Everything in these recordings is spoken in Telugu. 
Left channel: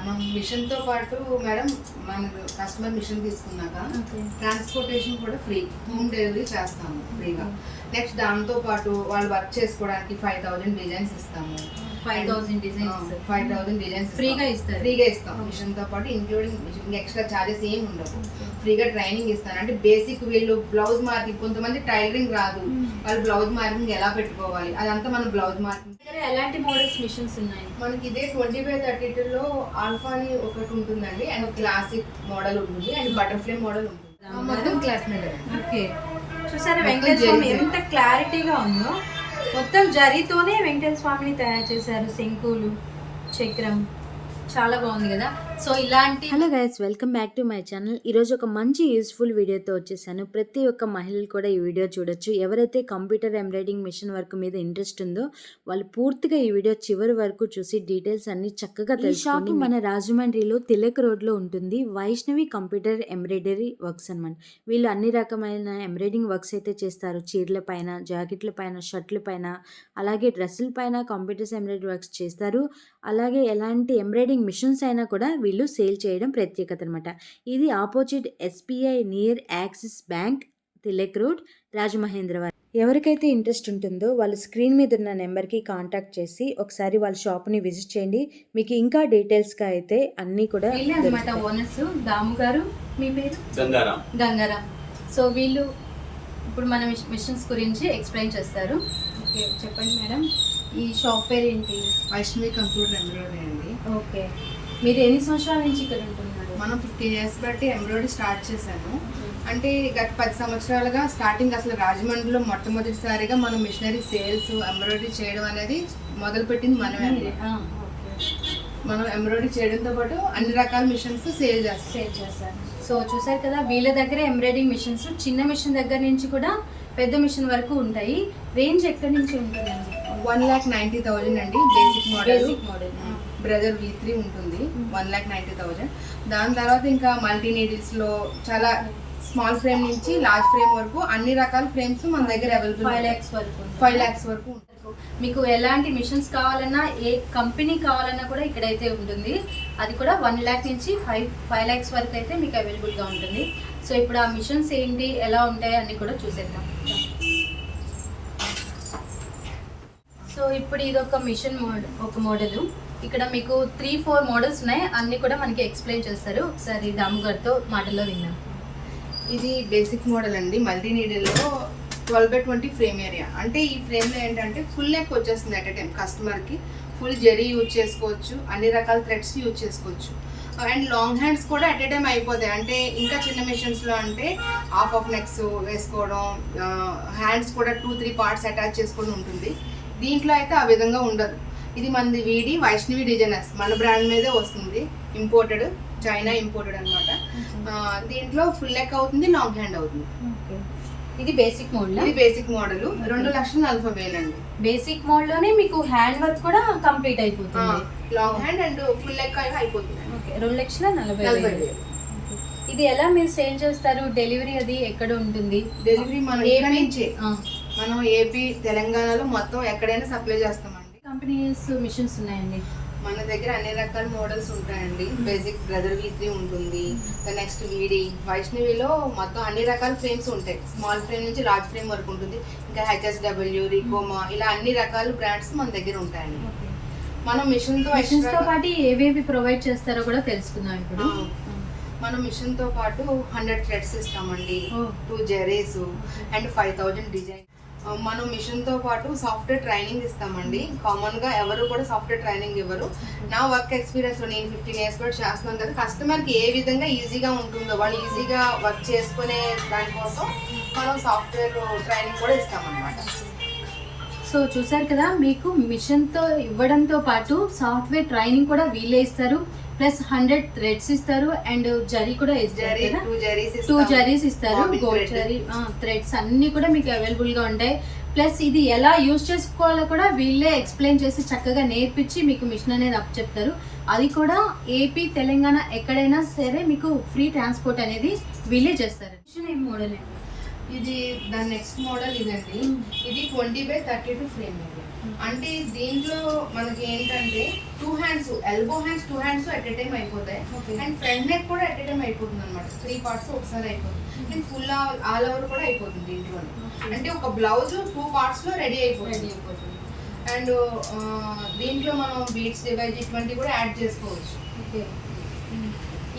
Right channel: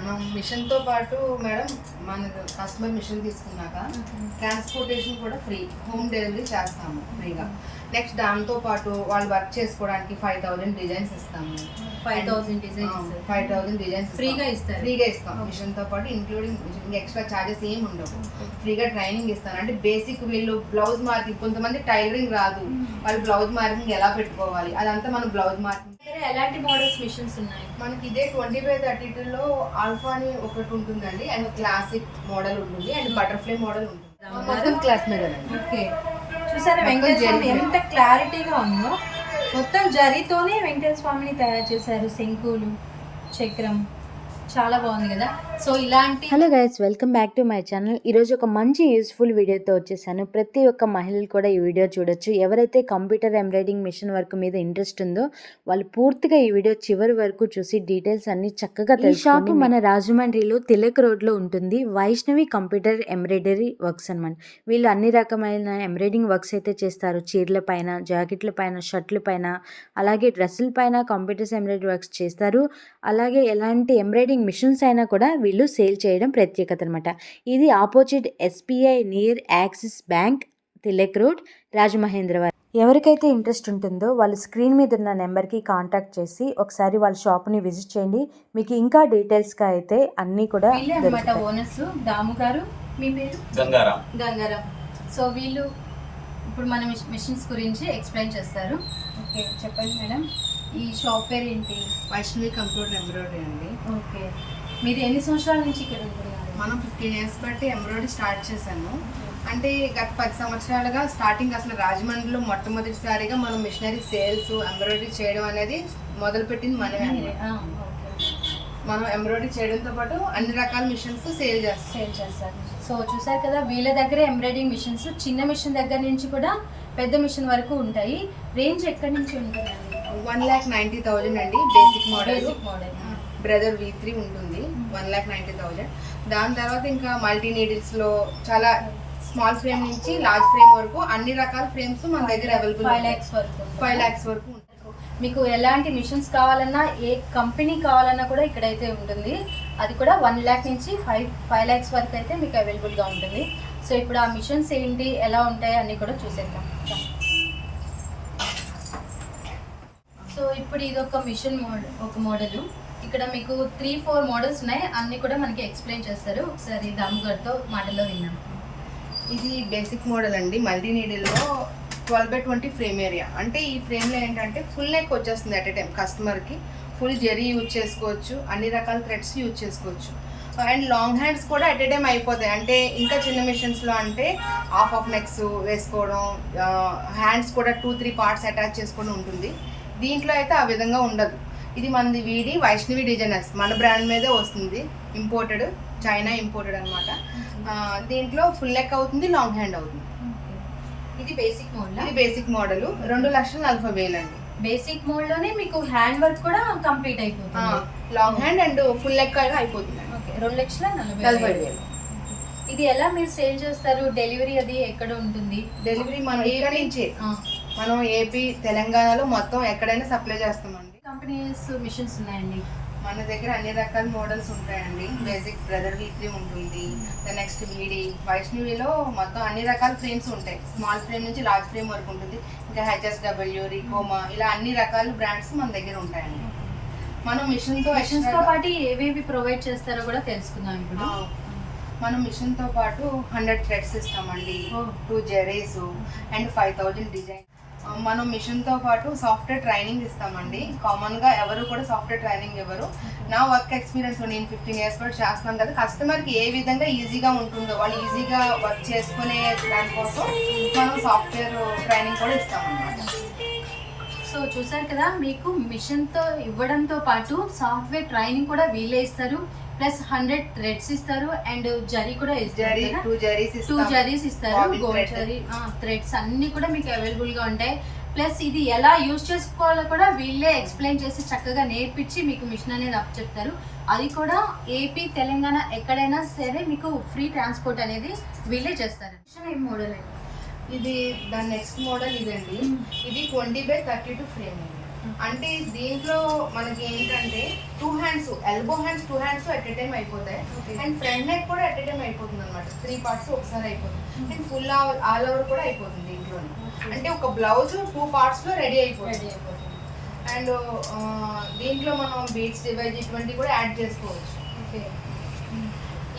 మనం మిషన్ తో పాటు మేడం మన కస్టమర్ మిషన్ తీసుకున్నాక ట్రాన్స్పోర్టేషన్ కూడా ఫ్రీ, హోమ్ డెలివరీ చేస్తాము ఫ్రీగా. నెక్స్ట్ దాంతో పాటు వాళ్ళు వర్క్ చేసుకోవడానికి 5000 డిజైన్స్ ఇస్తాము. 5000 డిజైన్స్ ఫ్రీగా ఇస్తాం మిషన్ తో పాటు, ఇంక్లూడింగ్ ఎక్స్ట్రా చార్జెస్ ఏమి ఉండవు. ఫ్రీగా ట్రైనింగ్ ఇస్తాను. అంటే బేసిక్ వీళ్ళు బ్లౌజ్ మార్కింగ్, కొంతమంది టైలరింగ్ రాదు, వాళ్ళు బ్లౌజ్ మార్కింగ్ ఎలా పెట్టుకోవాలి అదంతా మనం బ్లౌజ్ మార్కింగ్. ఎలాంటి మోడల్స్ మిషన్స్ ఉన్నాయి మనకి? ఇదే 20x32 లో ఆల్ఫా అని ఒకటి ఉంటుందండి, అండ్ క్లాసిక్ మోడల్ ఉంటుంది, అండ్ బటర్ఫ్లై మోడల్ ఉంటుంది. మొత్తం క్లాత్ మీద. ఓకే, చూసారా వెంకటేశ్వర స్వామి ఎంత క్లారిటీగా ఉందో. మొత్తం జరీతోనే వెంకటేశ్వర స్వామిని తయారు చేశారు, శంకులు, చక్రం, చాలా బాగుంది కదా. సో ఇలాంటి hello guys, welcome back to my channel. ఈరోజు ఒక మంచి యూస్ఫుల్ వీడియోతో వచ్చేసాను. ప్రతి ఒక్క మహిళలు కూడా ఈ వీడియో చూడొచ్చు. ఎవరైతే కంప్యూటర్ ఎంబ్రాయిడింగ్ మిషన్ వర్క్ మీద ఇంట్రెస్ట్ ఉందో వాళ్ళు పూర్తిగా ఈ వీడియో చివరి వరకు చూసి డీటెయిల్స్ అన్ని చక్కగా తెలుసుకోండి. మన రాజమండ్రిలో తిలక్ రోడ్లో ఉంటుంది వైష్ణవి కంప్యూటర్ ఎంబ్రాయిడరీ వర్క్స్ అనమాట. వీళ్ళు అన్ని రకమైన ఎంబ్రాయిడింగ్ వర్క్స్ అయితే చేస్తారు. చీరల పైన, జాకెట్ల పైన, షర్ట్ల పైన, అలాగే డ్రెస్సుల పైన కంప్యూటర్స్ ఎంబ్రాయిడరీ వర్క్స్ చేస్తారు. అలాగే ఎలాంటి ఎంబ్రాయిడింగ్ మిషన్స్ అయినా కూడా వీళ్ళు సేల్ చేయడం ప్రత్యేకత అనమాట. ఇది opposite SBI near axis bank, Tilak road, Rajamahendravaram. ఎవరికైతే ఇంట్రెస్ట్ ఉంటుందో వాళ్ళు స్క్రీన్ మీద ఉన్న నెంబర్కి కాంటాక్ట్ చేసి ఒకసారి వాళ్ళ షాప్ని విజిట్ చేయండి. మీకు ఇంకా డీటెయిల్స్గా అయితే అన్నీ కూడా ఓనర్స్. దాము గారు, మీ పేరు? గంగారాం. సో వీళ్ళు ఇప్పుడు మన మిషన్స్ గురించి ఎక్స్ప్లెయిన్ చేస్తారు. ఓకే, చెప్పండి మేడం. ఈ షాప్ పేరు ఏంటి? వైష్ణవి కంప్యూటర్ ఎంబ్రాయిడరీ అండి. ఓకే, మీరు ఎన్ని సంవత్సరాల నుంచి ఇక్కడ ఉంటున్నారు? మనం 15 years బట్టి ఎంబ్రాయిడరీ స్టార్ట్ చేశాము. అంటే గత 10 సంవత్సరాలుగా స్టార్టింగ్ అసలు రాజమండ్రిలో మొట్టమొదటిసారిగా మనం మిషనరీ సేల్స్ ఎంబ్రాయిడరీ చేయడం అనేది మొదలుపెట్టింది మనమే. మనం ఎంబ్రాయిడరీ చేయడంతో పాటు అన్ని రకాల మిషన్స్ సేల్ చేస్తాం. సో చూసారు కదా, వీళ్ళ దగ్గర ఎంబ్రాయిడరింగ్ మిషన్స్ చిన్న మిషన్ దగ్గర నుంచి కూడా పెద్ద మిషన్ వరకు ఉంటాయి. రేంజ్ ఎక్కడి నుంచి ఉంటుందండి? 1,90,000 అండి బేసిక్ మోడల్. బ్రదర్ V3 ఉంటుంది 1,90,000. దాని తర్వాత ఇంకా మల్టీ నీడిల్స్ లో చాలా స్మాల్ ఫ్రేమ్ నుంచి లార్జ్ ఫ్రేమ్ వరకు అన్ని రకాల ఫ్రేమ్స్ మన దగ్గర అవైలబుల్. 5 lakhs వరకు ఉంటుంది. మీకు ఎలాంటి మిషన్స్ కావాలన్నా, ఏ కంపెనీ కావాలన్నా కూడా ఇక్కడైతే ఉంటుంది. అది కూడా 1 lakh నుంచి 5 lakhs వరకు అయితే మీకు అవైలబుల్గా ఉంటుంది. సో ఇప్పుడు ఆ మిషన్స్ ఏంటి, ఎలా ఉంటాయి అన్నీ కూడా చూసేద్దాం. సో ఇప్పుడు ఇది ఒక మిషన్ మోడల్. ఇక్కడ మీకు 3-4 మోడల్స్ ఉన్నాయి. అన్ని కూడా మనకి ఎక్స్ప్లెయిన్ చేస్తారు. ఒకసారి దాము గారితో మాటల్లో విన్నాం. ఇది బేసిక్ మోడల్ అండి, మల్టీ నీడిల్లో 12x20 ఫ్రేమ్ ఏరియా. అంటే ఈ ఫ్రేమ్లో ఏంటంటే ఫుల్ నెక్ వచ్చేస్తుంది అట్ ఎ టైం. కస్టమర్కి ఫుల్ జరీ యూజ్ చేసుకోవచ్చు, అన్ని రకాల థ్రెడ్స్ యూజ్ చేసుకోవచ్చు, అండ్ లాంగ్ హ్యాండ్స్ కూడా అట్ ఎ టైం అయిపోతాయి. అంటే ఇంకా చిన్న మిషన్స్లో అంటే హాఫ్ నెక్స్ వేసుకోవడం, హ్యాండ్స్ కూడా 2-3 పార్ట్స్ అటాచ్ చేసుకోవడం ఉంటుంది. దీంట్లో అయితే ఆ విధంగా ఉండదు. ఇది మనది వీడి వైష్ణవి డిజైనర్స్, మన బ్రాండ్ మీదే వస్తుంది. ఇంపోర్టెడ్, చైనా ఇంపోర్టెడ్ అనమాట. దీంట్లో ఫుల్ నెక్ అవుతుంది, లాంగ్ హ్యాండ్ అవుతుంది. ఇది బేసిక్ మోడల్. 2,40,000 అండి. బేసిక్ మోడల్లోనే మీకు హ్యాండ్ వర్క్ కూడా కంప్లీట్ అయిపోతుంది. Long hand and full neck అయిపోతుంది. 2,40,000. ఇది ఎలా మీరు సేల్ చేస్తారు? డెలివరీ అది ఎక్కడ ఉంటుంది? డెలివరీ మనం ఇక్కడ నుంచే, మనం ఏపీ, తెలంగాణలో మొత్తం ఎక్కడైనా సప్లై చేస్తామండి. కంపెనీస్ మిషన్స్ ఉన్నాయండి మన దగ్గర, అన్ని రకాల మోడల్స్ ఉంటాయండి. బేసిక్ బ్రదర్ V3 ఉంటుంది, నెక్స్ట్ వీడి వైష్ణవిలో మొత్తం అన్ని రకాల ఫ్రేమ్స్ ఉంటాయి. స్మాల్ ఫ్రేమ్ నుంచి లార్జ్ ఫ్రేమ్ వరకు ఉంటుంది. ఇంకా HSW, రికోమా, ఇలా అన్ని రకాల బ్రాండ్స్ మన దగ్గర ఉంటాయండి. మనం మిషన్తో పాటు ఏవేవి ప్రొవైడ్ చేస్తారో కూడా తెలుసుకుందాం ఇప్పుడు. మనం మిషన్తో పాటు 100 థ్రెడ్స్ ఇస్తామండి, 2 జరీస్ అండ్ 5,000 డిజైన్. మనం మిషన్తో పాటు సాఫ్ట్వేర్ ట్రైనింగ్ ఇస్తామండి. కామన్గా ఎవరు కూడా సాఫ్ట్వేర్ ట్రైనింగ్ ఇవ్వరు. నా వర్క్ ఎక్స్పీరియన్స్లో నేను 15 years పాటు చేస్తున్నాను కదా, కస్టమర్కి ఏ విధంగా ఈజీగా ఉంటుందో, వాళ్ళు ఈజీగా వర్క్ చేసుకునే దానికోసం మనం సాఫ్ట్వేర్ ట్రైనింగ్ కూడా ఇస్తామన్నమాట. సో చూసారు కదా, మీకు మిషన్తో ఇవ్వడంతో పాటు సాఫ్ట్వేర్ ట్రైనింగ్ కూడా వీళ్ళే ఇస్తారు. ప్లస్ 100 థ్రెడ్స్ ఇస్తారు, అండ్ జరీ కూడా ఇస్తారు. 2 జరీస్ ఇస్తారు. గోల్డ్ జరీ థ్రెడ్స్ అన్నీ కూడా మీకు అవైలబుల్గా ఉంటాయి. ప్లస్ ఇది ఎలా యూజ్ చేసుకోవాలో కూడా వీళ్ళే ఎక్స్ప్లెయిన్ చేసి చక్కగా నేర్పించి మీకు మిషన్ అనేది అప్ చెప్తారు. అది కూడా ఏపీ, తెలంగాణ ఎక్కడైనా సరే మీకు ఫ్రీ ట్రాన్స్పోర్ట్ అనేది వీళ్ళే చేస్తారు. మిషన్ ఏం మోడల్? ఇది దాని నెక్స్ట్ మోడల్ ఇదండి. ఇది 20x32 ఫ్రేమ్. అంటే దీంట్లో మనకి ఏంటంటే 2 hands, elbow hands 2 hands at a time అయిపోతాయి. Okay. అండ్ ఫ్రంట్ నెక్ కూడా అట్ ఎ టైం అయిపోతుంది అనమాట. 3 పార్ట్స్ ఒకసారి అయిపోతుంది. అండ్ ఫుల్ ఆల్ ఓవర్ కూడా అయిపోతుంది దీంట్లోనే. Okay. అంటే ఒక బ్లౌజ్ 2 పార్ట్స్ లో రెడీ రెడీ అయిపోతుంది. అయిపోతుంది. అండ్ దీంట్లో మనం బీట్స్ డివైజ్ ఇటువంటి కూడా యాడ్ చేసుకోవచ్చు. ఓకే.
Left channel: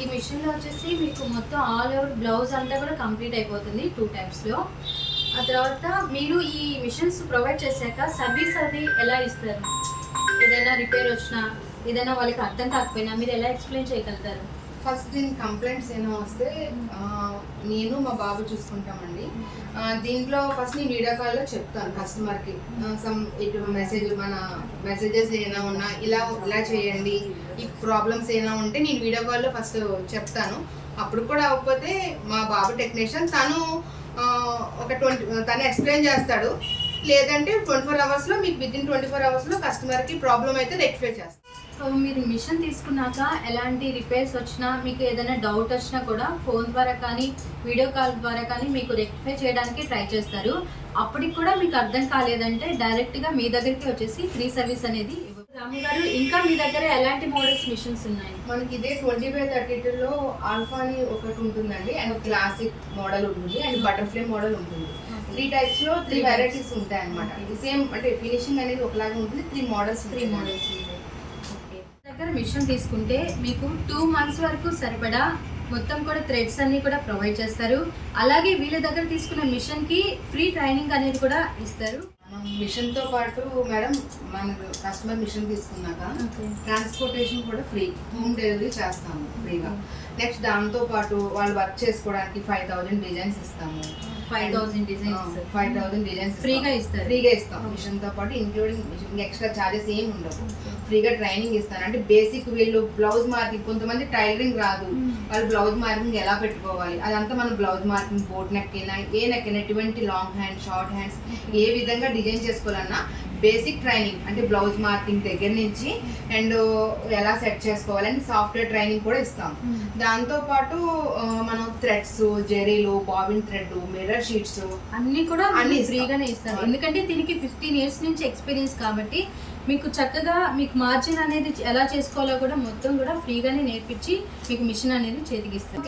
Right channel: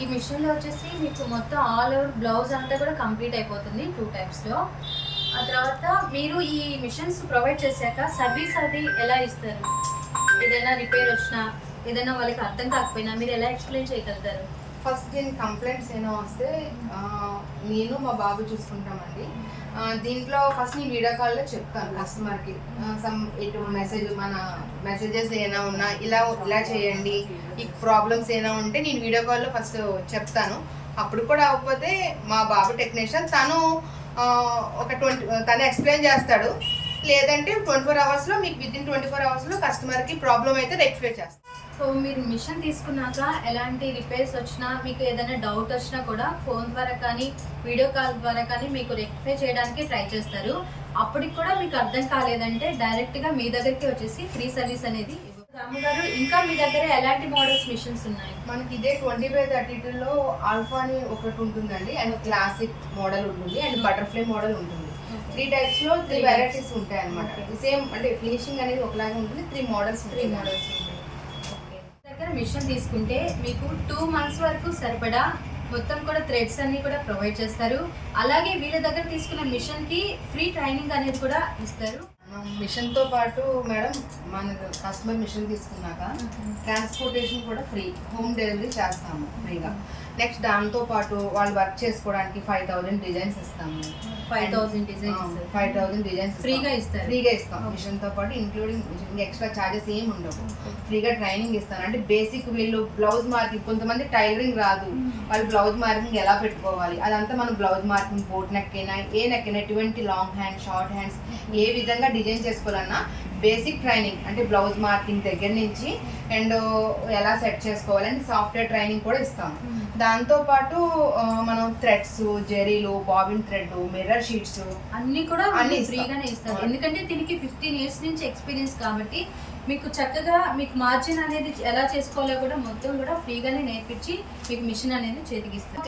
ఈ మిషన్లో వచ్చేసి మీకు మొత్తం ఆల్ ఓవర్ బ్లౌజ్ అంతా కూడా కంప్లీట్ అయిపోతుంది 2 టైమ్స్లో. ఆ తర్వాత మీరు ఈ మిషన్స్ ప్రొవైడ్ చేశాక సర్వీస్ అది ఎలా ఇస్తారు? ఏదైనా రిపేర్ వచ్చినా, ఏదైనా వాళ్ళకి అర్థం కాకపోయినా మీరు ఎలా ఎక్స్ప్లెయిన్ చేయగలుగుతారు? ఫస్ట్ దీని కంప్లైంట్స్ ఏమో వస్తే నేను మా బాబు చూసుకుంటామండి. దీంట్లో ఫస్ట్ నేను వీడియో కాల్లో చెప్తాను కస్టమర్కి సమ్ ఇటు మన మెసేజెస్ ఏమైనా ఉన్నా ఇలా చేయండి, ఈ ప్రాబ్లమ్స్ ఏమైనా ఉంటే నేను వీడియో కాల్లో ఫస్ట్ చెప్తాను. అప్పుడు కూడా అవ్వకపోతే మా బాబు టెక్నీషియన్ తను తను ఎక్స్ప్లెయిన్ చేస్తాడు. లేదంటే 24 అవర్స్లో మీకు వితిన్ 24 అవర్స్లో కస్టమర్కి ప్రాబ్లం అయితే రెక్టిఫై చేస్తాం. సో మీరు మిషన్ తీసుకున్నాక ఎలాంటి రిపేర్స్ వచ్చినా, మీకు ఏదైనా డౌట్ వచ్చినా కూడా ఫోన్ ద్వారా కానీ వీడియో కాల్ ద్వారా కానీ మీకు రెక్టిఫై చేయడానికి ట్రై చేస్తారు. అప్పటికి కూడా మీకు అర్థం కాలేదంటే డైరెక్ట్గా మీ దగ్గరికి వచ్చేసి ఫ్రీ సర్వీస్ అనేది ఇవ్వరు. రాము గారు, ఇంకా మీ దగ్గర ఎలాంటి మోడల్స్ మిషన్స్ ఉన్నాయి? మనకి ఇదే 20x32లో ఆల్ఫా అని ఒకటి ఉంటుందండి. అండ్ క్లాసిక్ మోడల్ ఉంటుంది అండ్ బటర్ఫ్లై మోడల్ ఉంటుంది. 3 టైప్స్లో 3 వెరైటీస్ ఉంటాయి అనమాట. సేమ్ అంటే ఫినిషింగ్ అనేది ఒకలాగా ఉంటుంది. 3 మోడల్స్ ఉంటాయి. ఓకే. దగ్గర మిషన్ తీసుకుంటే మీకు 2 మంత్స్ వరకు సరిపడా మొత్తం కూడా థ్రెడ్స్ అన్ని కూడా ప్రొవైడ్ చేస్తారు. అలాగే వీళ్ళ దగ్గర తీసుకున్న మిషన్కి ఫ్రీ ట్రైనింగ్ అనేది కూడా ఇస్తారు. మిషన్తో పాటు మేడం మన కస్టమర్ మిషన్ తీసుకున్నాక ట్రాన్స్పోర్టేషన్ కూడా ఫ్రీ, హోమ్ డెలివరీ చేస్తాము ఫ్రీగా. నెక్స్ట్ దాంతో పాటు వాళ్ళు వర్క్ చేసుకోవడానికి 5000 డిజైన్స్ ఇస్తాము. 5000 డిజైన్స్ 5000 డిజైన్స్ ఫ్రీగా ఇస్తారు. ఫ్రీగా ఇస్తాం. మిషన్తో పాటు ఇంక్లూడింగ్ మిషన్ ఎక్స్ట్రా ఛార్జెస్ ఏమి ఉండవు. ఫ్రీగా ట్రైనింగ్ ఇస్తాను. అంటే బేసిక్ వీళ్ళు బ్లౌజ్ మార్కింగ్, కొంతమంది టైలరింగ్ రాదు, వాళ్ళు బ్లౌజ్ మార్కింగ్ ఎలా పెట్టుకోవాలి అదంతా మనం బ్లౌజ్ మార్కింగ్, బోట్ నెక్ అయినా ఏ నెక్ అయినా, ఎటువంటి లాంగ్ హ్యాండ్, షార్ట్ హ్యాండ్స్ ఏ విధంగా డిజైన్ చేసుకోవాలన్నా బేసిక్ ట్రైనింగ్ అంటే బ్లౌజ్ మార్కింగ్ దగ్గర నుంచి అండ్ ఎలా సెట్ చేసుకోవాలని సాఫ్ట్వేర్ ట్రైనింగ్ కూడా ఇస్తాం. దాంతోపాటు మనం థ్రెడ్స్, జెరీలు, బాబిన్ థ్రెడ్, మిర్రర్ షీట్స్ అన్ని కూడా అన్ని ఫ్రీగానే ఇస్తారు. ఎందుకంటే దీనికి 15 ఇయర్స్ నుంచి ఎక్స్పీరియన్స్ కాబట్టి మీకు చక్కగా మీకు మార్జిన్ అనేది ఎలా చేసుకోవాలో కూడా మొత్తం కూడా ఫ్రీగానే నేర్పించి మీకు మిషన్ అనేది చేతికిస్తారు.